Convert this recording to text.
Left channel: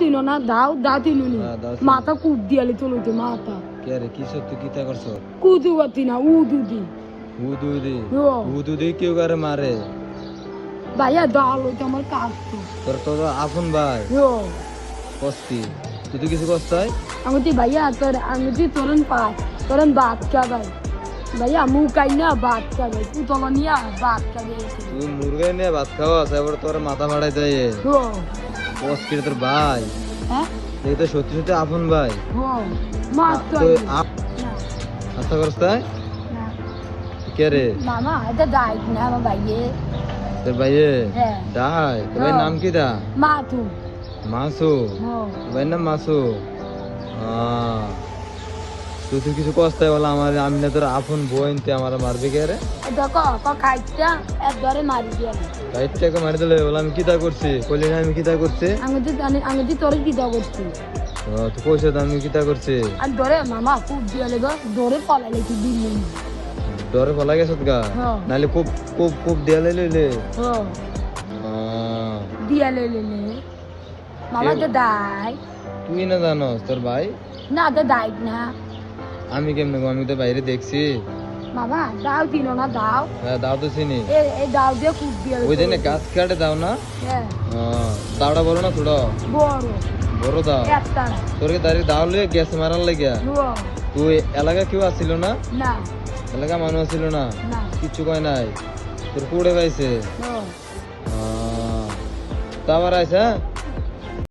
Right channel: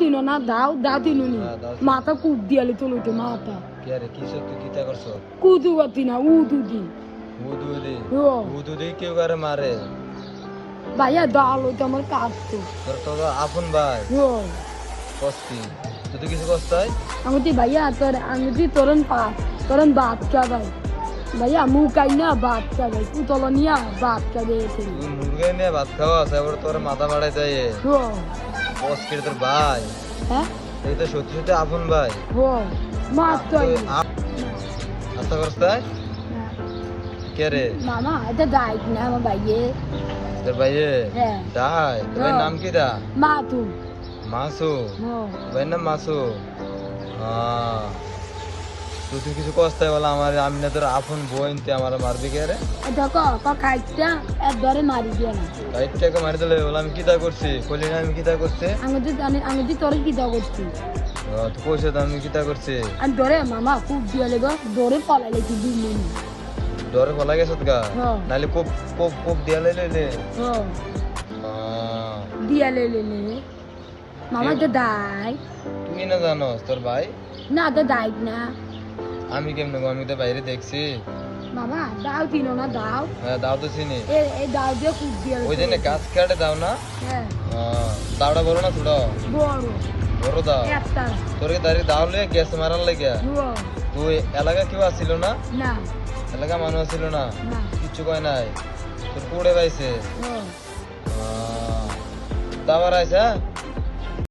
দিল না দাও দিল মাথা কুট দিয়ালে চলতে মাথা কে রে কি সত্যি কি তা করছো কুদু বাতি না উদু দি উদু দি কেউ কারে মারে ভাইয়া দাও তো আমার কাটতো তোর তো আপন ভাই কষ্টি তুই তো কিছু কষ্টাই আমাদের ভাইয়া তোর আমি তোরন পাঁচ তোরন বাদ কা ভাই ভাইয়া মুখাই না বাদ কা ভাই পুতল নিয়া বাদ কা দে তুই মুরগি নিয়ে ভাত খাওয়া এবার তোর মাথা বাড়াই দেয় কষ্টি তোর ভাই হ্যাঁ এই তো সত্যি সত্যি আপন ভাই মাত্র আচ্ছা করছাই কে রে মামা এটা দাই না আমার ভাইয়ে তোর ভাইয়ে হ্যাঁ ডাই তোর ভাইয়ের নাম কি দা মাতু মাসু ভাইয়ের নাম মাসু তুই কিছু কষ্টাই বলা আমার আমি না তোর আপন বোন তুই আমার মারবি কে রে দেখো কাইটা একবারে মারি দিয়া না কাইটাকে মারি দিলে বলে আমি কিতা করছি কইলি না আমি কিতা করছি আমি তোর কি দাও করছি তুই কইছ তো আমি কিতা করছি আর ডরে মামা খুব দিয়ালে ডরে পলাইলে তুই দিলি ডরে পলা গেছত গা নালে খুব খুব খুব দিয়ালে লইলে দিয়ালে লইলে মামা তো দাই তুই না জানোস তোর ভাই না তো দাই না আমি কেমনে গো আমি তো বাইরে দেখছি মামা দাও দিল না দাও হ্যাঁ দাও তো চিনি এই দাও দিয়ে খুব দিয়ালে ওই জন্য গাছ কাটে দাও না হ্যাঁ তাড়া বড় না ছোট বড় বড় দাও একটা তোর দাঁড়িয়ে দাও লয়ে গ্যাস মারার লাগিয়া তুই এলাকা কেউ আসছিল না না এলাকা মানুষ আসছিল না না কিচ্ছু কয় নাই তোর কুড়ে পাইছে ও তারপর আইসা